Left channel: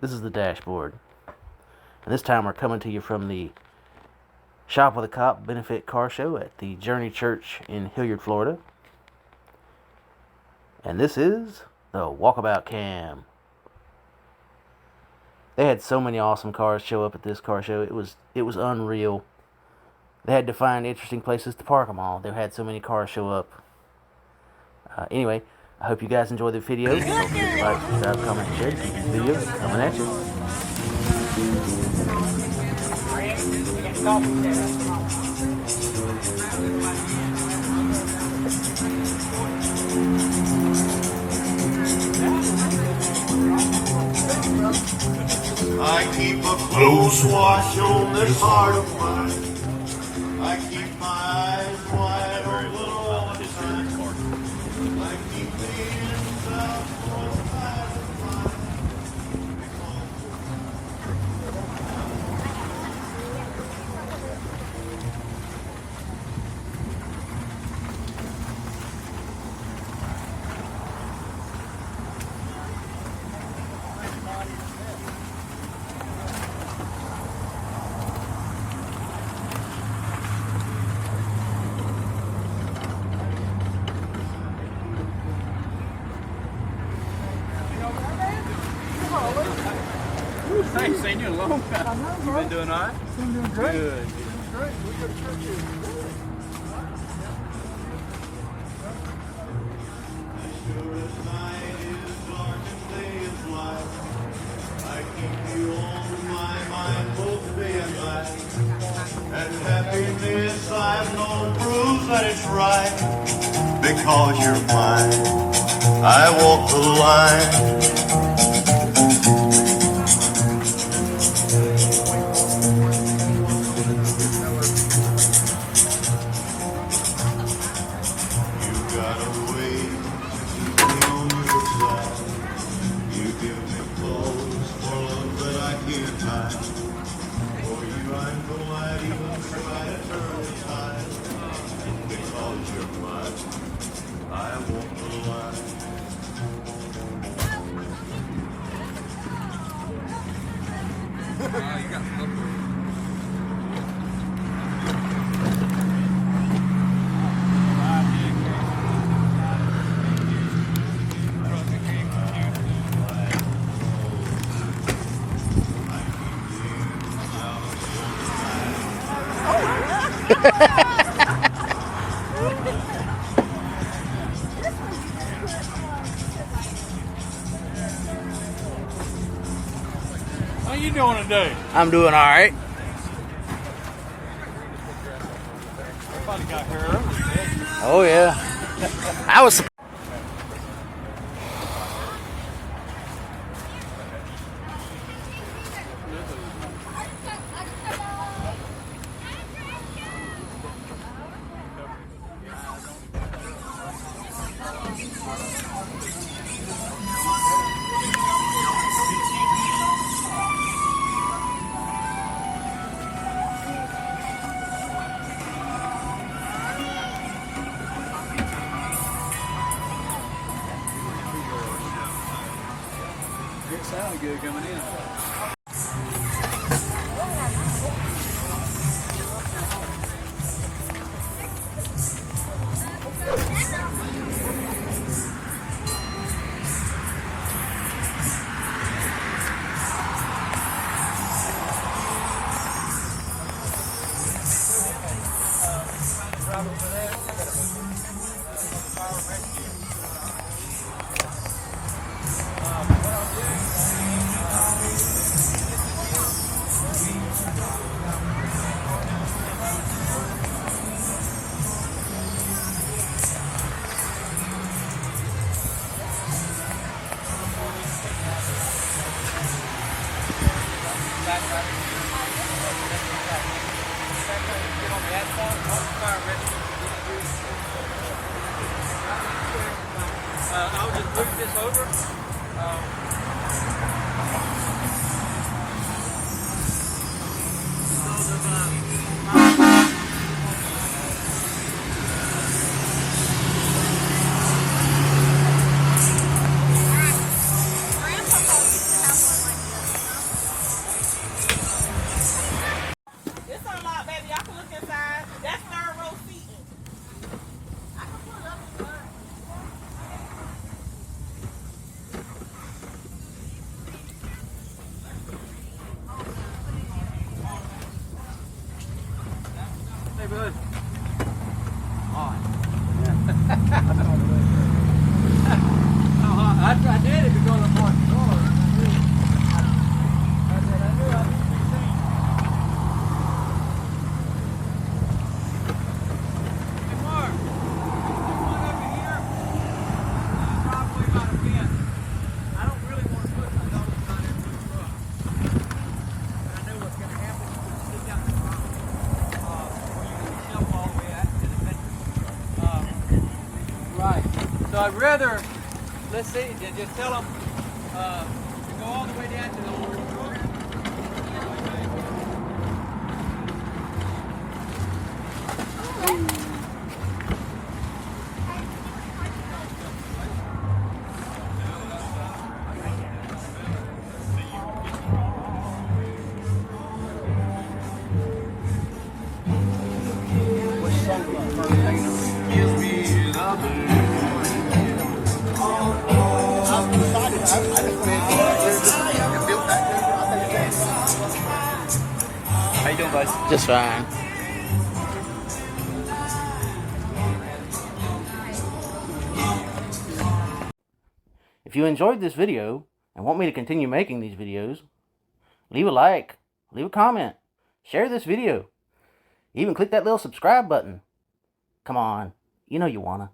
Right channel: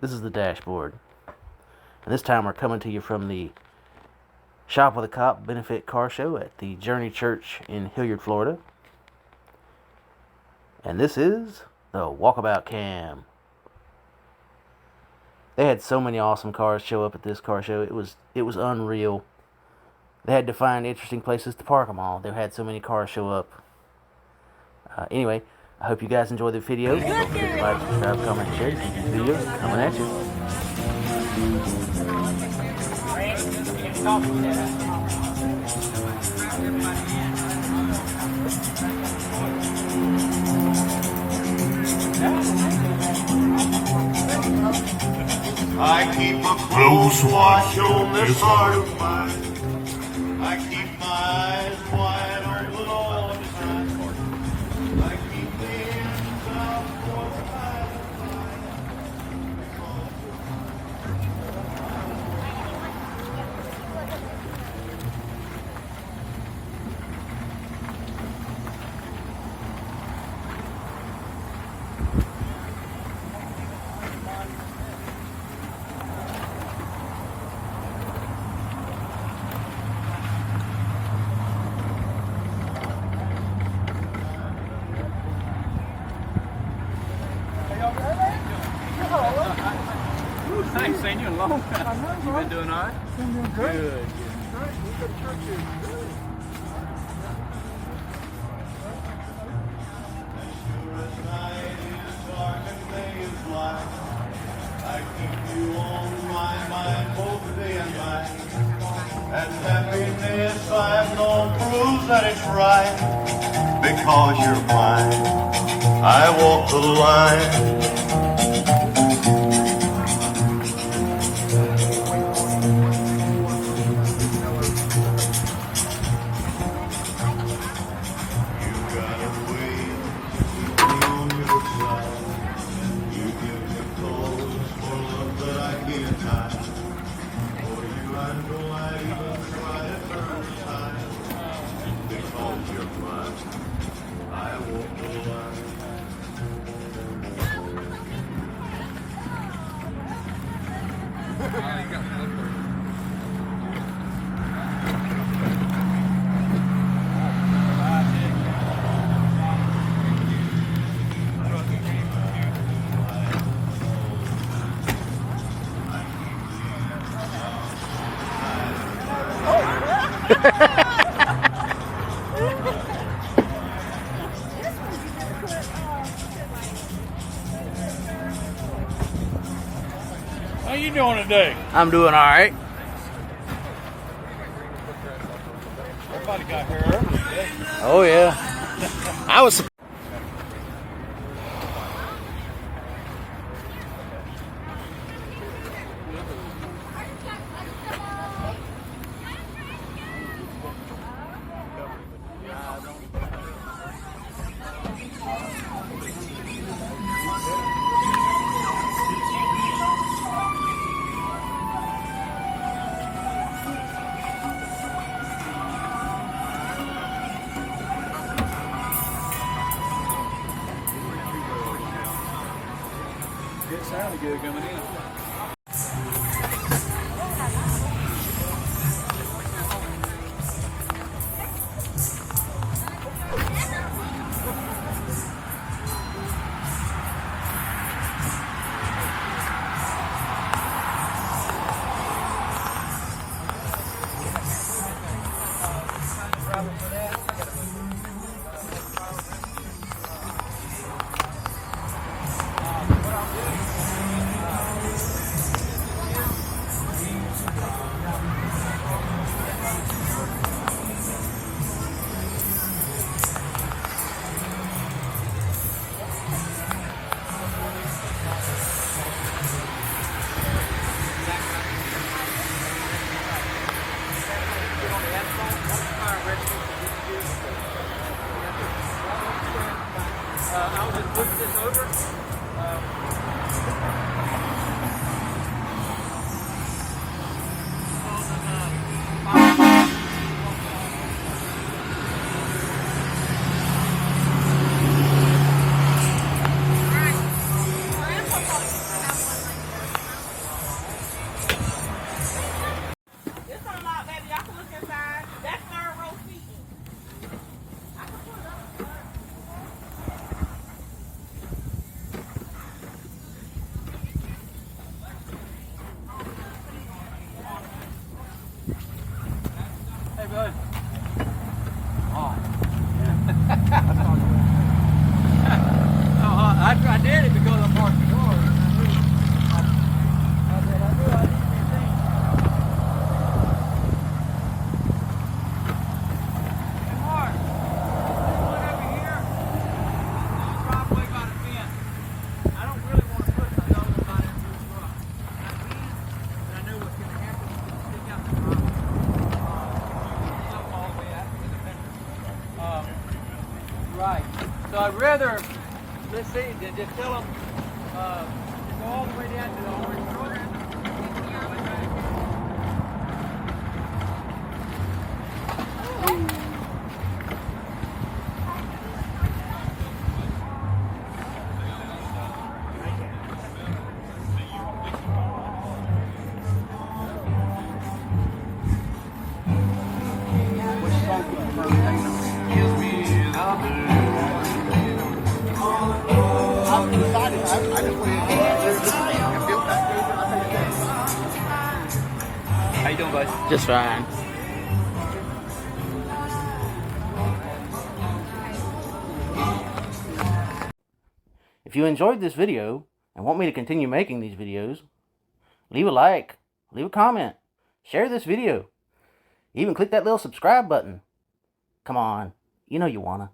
This is the dashboard. And this time we're coming to you from the Shop with a Cop benefit car show at the Journey Church in Hilliard, Florida. And this is the Walkabout Cam. They had so many awesome cars show up at this car show. It was unreal. They had to find interesting places to park them all. They had so many cars show up. Anyway, I hope you guys enjoy the video. Don't forget to like, subscribe, comment, and share to keep these videos coming at you. I keep a close watch on this heart of mine. I keep my eyes wide open all the time. I keep the inside for I ain't seen you in a long time. You been doing all right? Good. I keep you on my mind both day and night. And happiness I've known proves that it's right. Because you're mine, I walk the line. How you doing today? I'm doing all right. Somebody got her early. Oh yeah. I was. It sounded good coming in. I'll just move this over. Hey, bud. I did it because I parked the car. Right. So I'd rather, let's see, just tell them to go all the way down to the old corner. How you doing, guys? Just fine. If you enjoyed this video and want me to continue making these videos, leave a like, leave a comment, share this video, even click that little subscribe button. Come on, you know you wanna.